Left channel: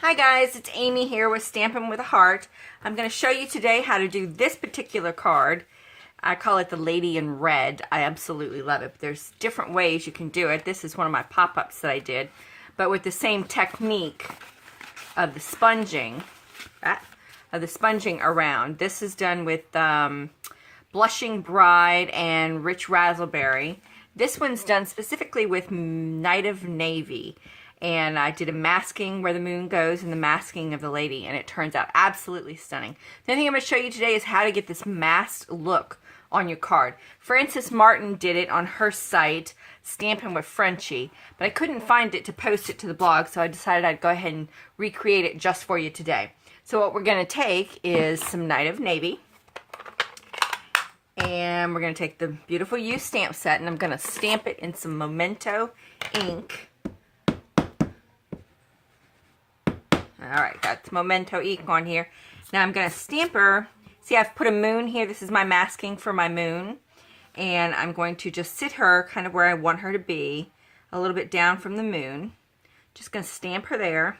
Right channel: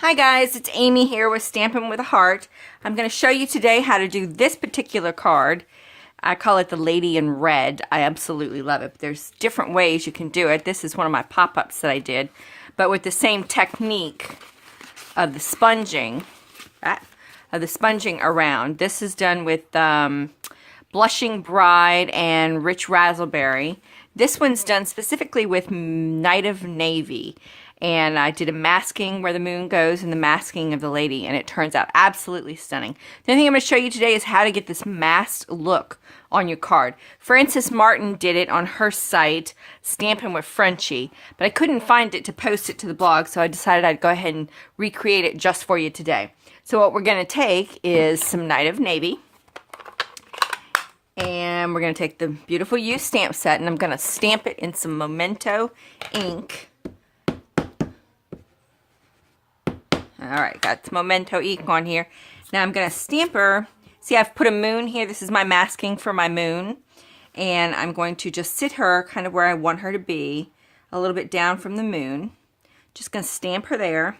Hi guys, it's Amy here with Stampin' with a Heart. I'm going to show you today how to do this particular card. I call it the Lady in Red. I absolutely love it. But there's different ways you can do it. This is one of my pop-ups that I did, but with the same technique of the sponging, around. This is done with Blushing Bride and Rich Razzleberry. This one's done specifically with Night of Navy. And I did a masking where the moon goes and the masking of the lady, and it turns out absolutely stunning. The other thing I'm going to show you today is how to get this masked look on your card. Frances Martin did it on her site, Stampin' with Frenchie, but I couldn't find it to post it to the blog, so I decided I'd go ahead and recreate it just for you today. So what we're going to take is some Night of Navy, and we're going to take the beautiful used stamp set, and I'm going to stamp it in some Memento ink. Alright, got some Memento ink on here. Now I'm going to stamp her. See, I've put a moon here. This is my masking for my moon. And I'm going to just sit her kind of where I want her to be. A little bit down from the moon. Just going to stamp her there.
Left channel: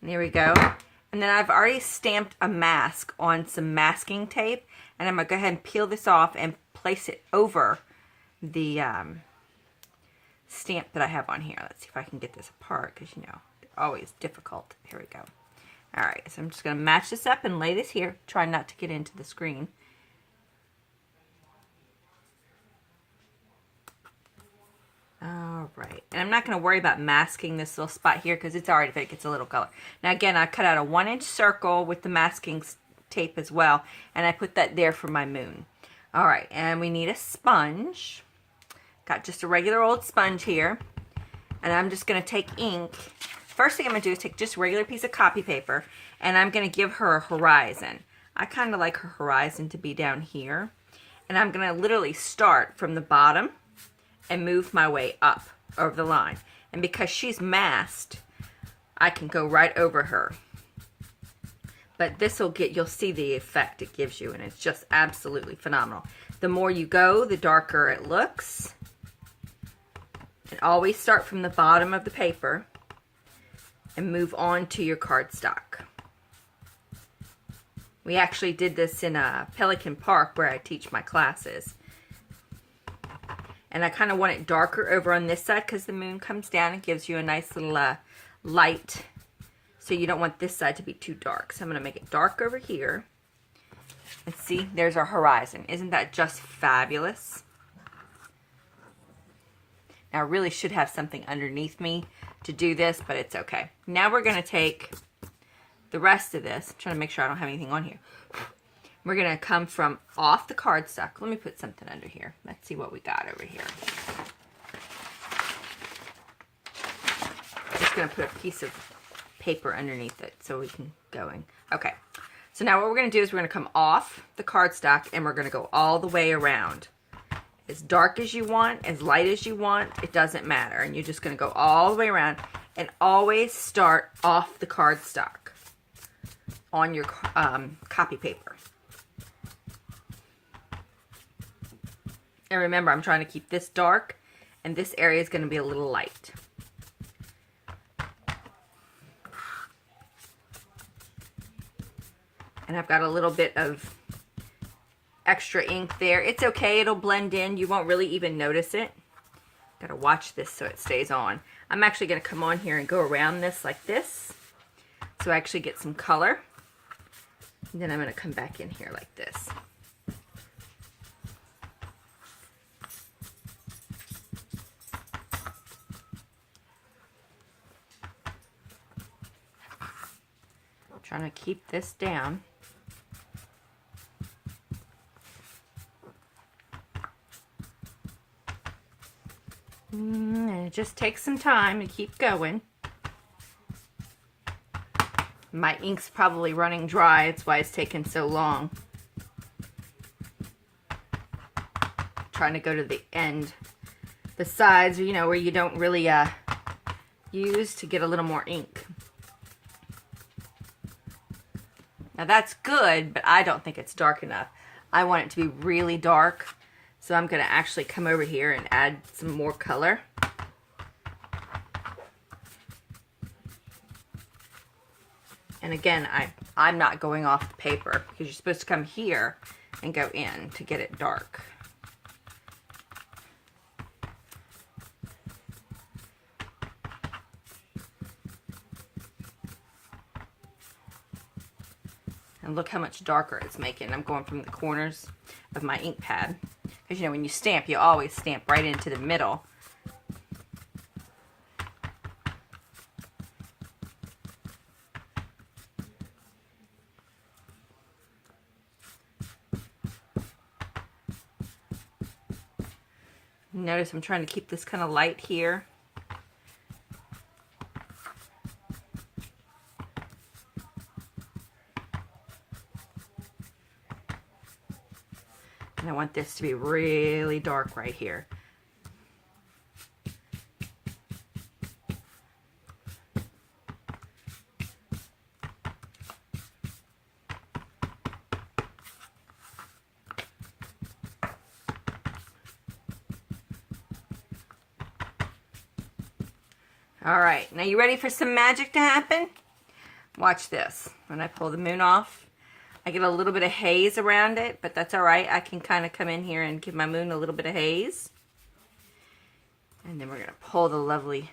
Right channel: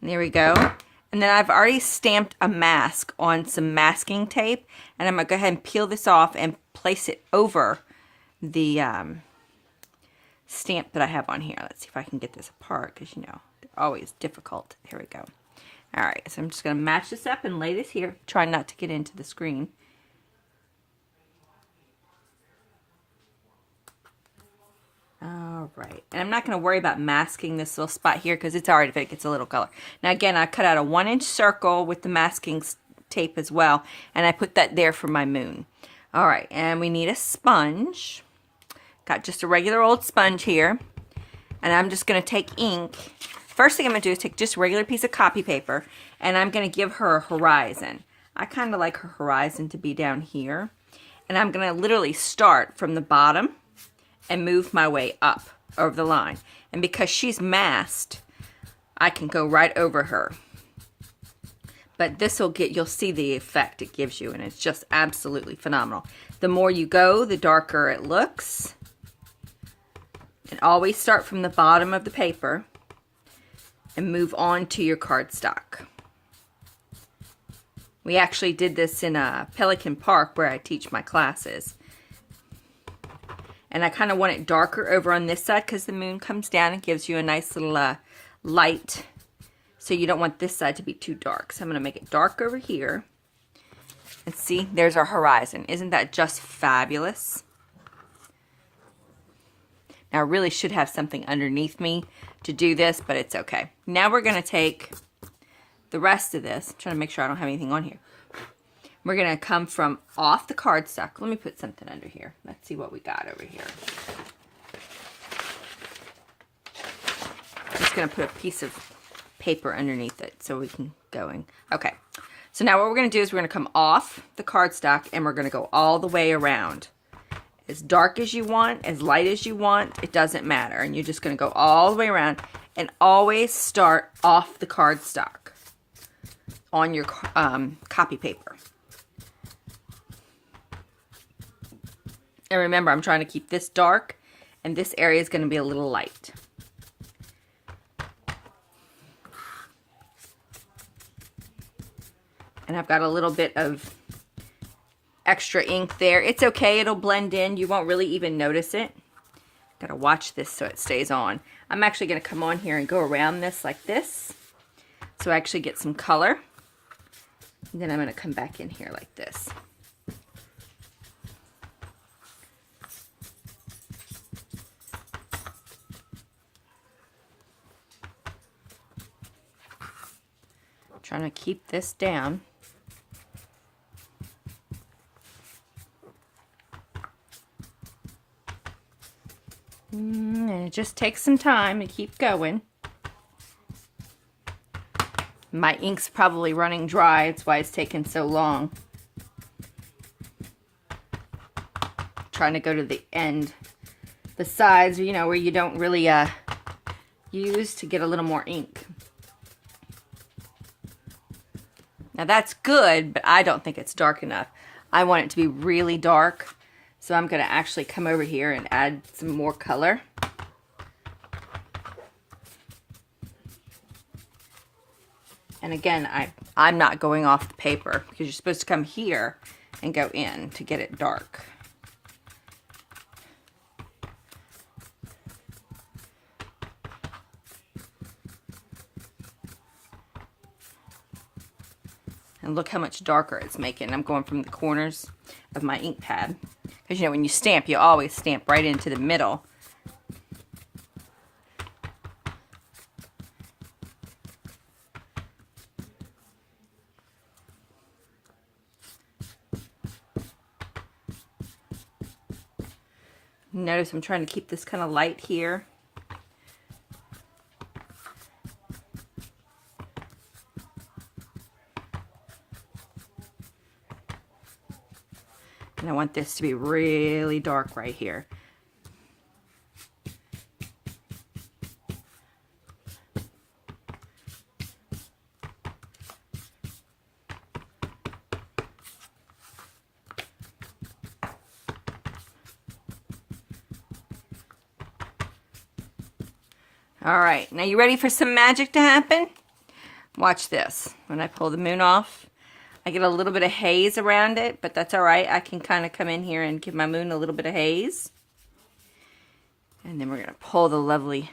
And there we go. And then I've already stamped a mask on some masking tape. And I'm going to go ahead and peel this off and place it over the stamp that I have on here. Let's see if I can get this apart, because you know, always difficult. Here we go. Alright, so I'm just going to match this up and lay this here. Try not to get into the screen. Alright, and I'm not going to worry about masking this little spot here because it's already, if it gets a little color. Now again, I cut out a 1-inch circle with the masking tape as well, and I put that there for my moon. Alright, and we need a sponge. Got just a regular old sponge here, and I'm just going to take ink. First thing I'm going to do is take just a regular piece of copy paper, and I'm going to give her a horizon. I kind of like her horizon to be down here, and I'm going to literally start from the bottom and move my way up over the line. And because she's masked, I can go right over her. But this will get, you'll see the effect it gives you, and it's just absolutely phenomenal. The more you go, the darker it looks. And always start from the bottom of the paper and move on to your cardstock. We actually did this in Pelican Park where I teach my classes. And I kind of want it darker over on this side because the moon comes down and gives you a nice little light. So you don't want this side to be too dark. So I'm going to make it dark over here. And see, there's our horizon. Isn't that just fabulous? Now I really should have something underneath me to do this, but it's okay. Now we're going to take the rest of this. I'm trying to make sure I don't have anything on here. We're going to come from off the cardstock. Let me put something under here. Let's see what we got over here. Just going to put a piece of paper underneath it so we can go in. Okay. So now what we're going to do is we're going to come off the cardstock and we're going to go all the way around. As dark as you want, as light as you want, it doesn't matter. And you're just going to go all the way around and always start off the cardstock on your copy paper. And remember, I'm trying to keep this dark and this area is going to be a little light. And I've got a little bit of extra ink there. It's okay, it'll blend in. You won't really even notice it. Gotta watch this so it stays on. I'm actually gonna come on here and go around this like this, so I actually get some color. And then I'm gonna come back in here like this. I'm trying to keep this down. And it just takes some time to keep going. My ink's probably running dry. That's why it's taking so long. Trying to go to the end. The sides, you know, where you don't really use to get a little more ink. Now that's good, but I don't think it's dark enough. I want it to be really dark. So I'm going to actually come over here and add some more color. And again, I'm not going off the paper because you're supposed to come here and go in to get it dark. And look how much darker it's making. I'm going from the corners of my ink pad. Because, you know, when you stamp, you always stamp right into the middle. Notice I'm trying to keep this kind of light here. And I want this to be really dark right here. All right, now you ready for some magic to happen? Watch this. When I pull the moon off, I get a little bit of haze around it, but that's all right. I can kind of come in here and give my moon a little bit of haze. And then we're going to pull the lovely...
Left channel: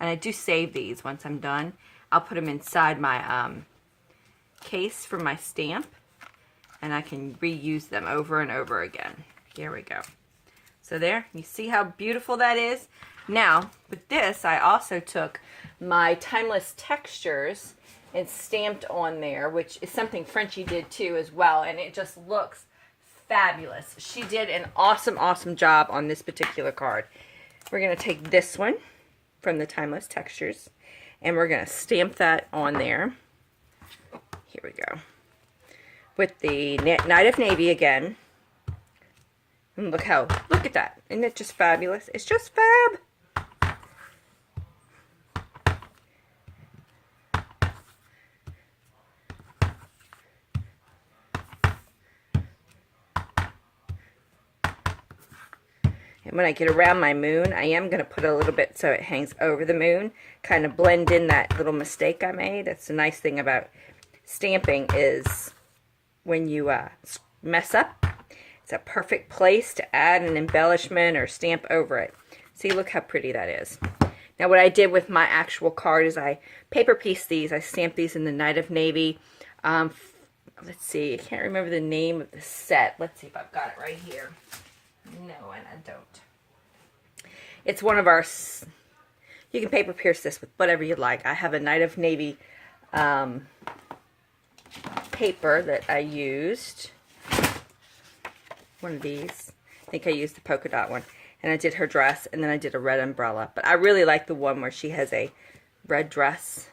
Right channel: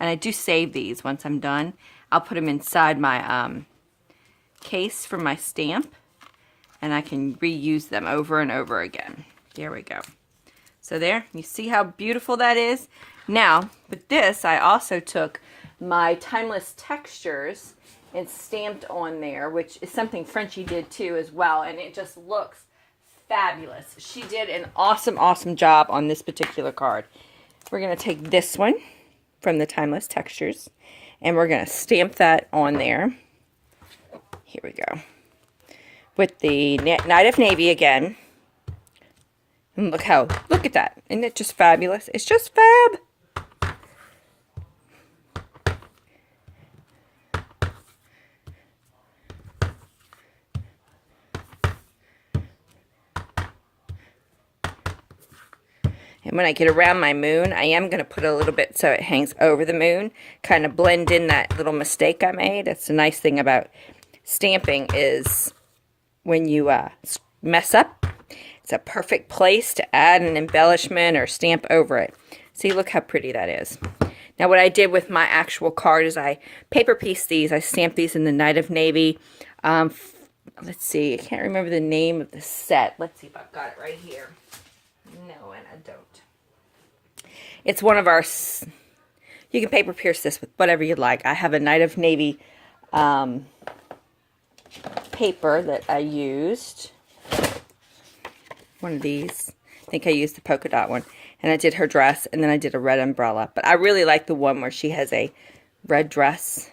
And I do save these once I'm done. I'll put them inside my case for my stamp. And I can reuse them over and over again. Here we go. So there, you see how beautiful that is? Now, with this, I also took my Timeless Textures and stamped on there, which is something Frenchie did too as well, and it just looks fabulous. She did an awesome, awesome job on this particular card. We're going to take this one from the Timeless Textures, and we're going to stamp that on there. Here we go. With the Night of Navy again. And look at that. Isn't it just fabulous? It's just fab. And when I get around my moon, I am going to put a little bit so it hangs over the moon. Kind of blend in that little mistake I made. That's the nice thing about stamping is when you mess up, it's a perfect place to add an embellishment or stamp over it. See, look how pretty that is. Now what I did with my actual card is I paper pieced these. I stamped these in the Night of Navy. Let's see, I can't remember the name of the set. Let's see if I've got it right here. No, and I don't. It's one of our... You can paper pierce this with whatever you'd like. I have a Night of Navy paper that I used. One of these. I think I used the polka dot one. And I did her dress, and then I did a red umbrella. But I really like the one where she has a red dress.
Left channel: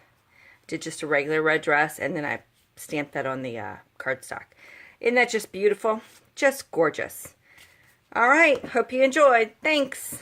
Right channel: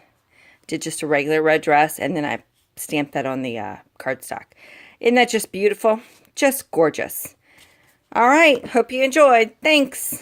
Did just a regular red dress, and then I stamped that on the cardstock. Isn't that just beautiful? Just gorgeous. All right. Hope you enjoyed. Thanks.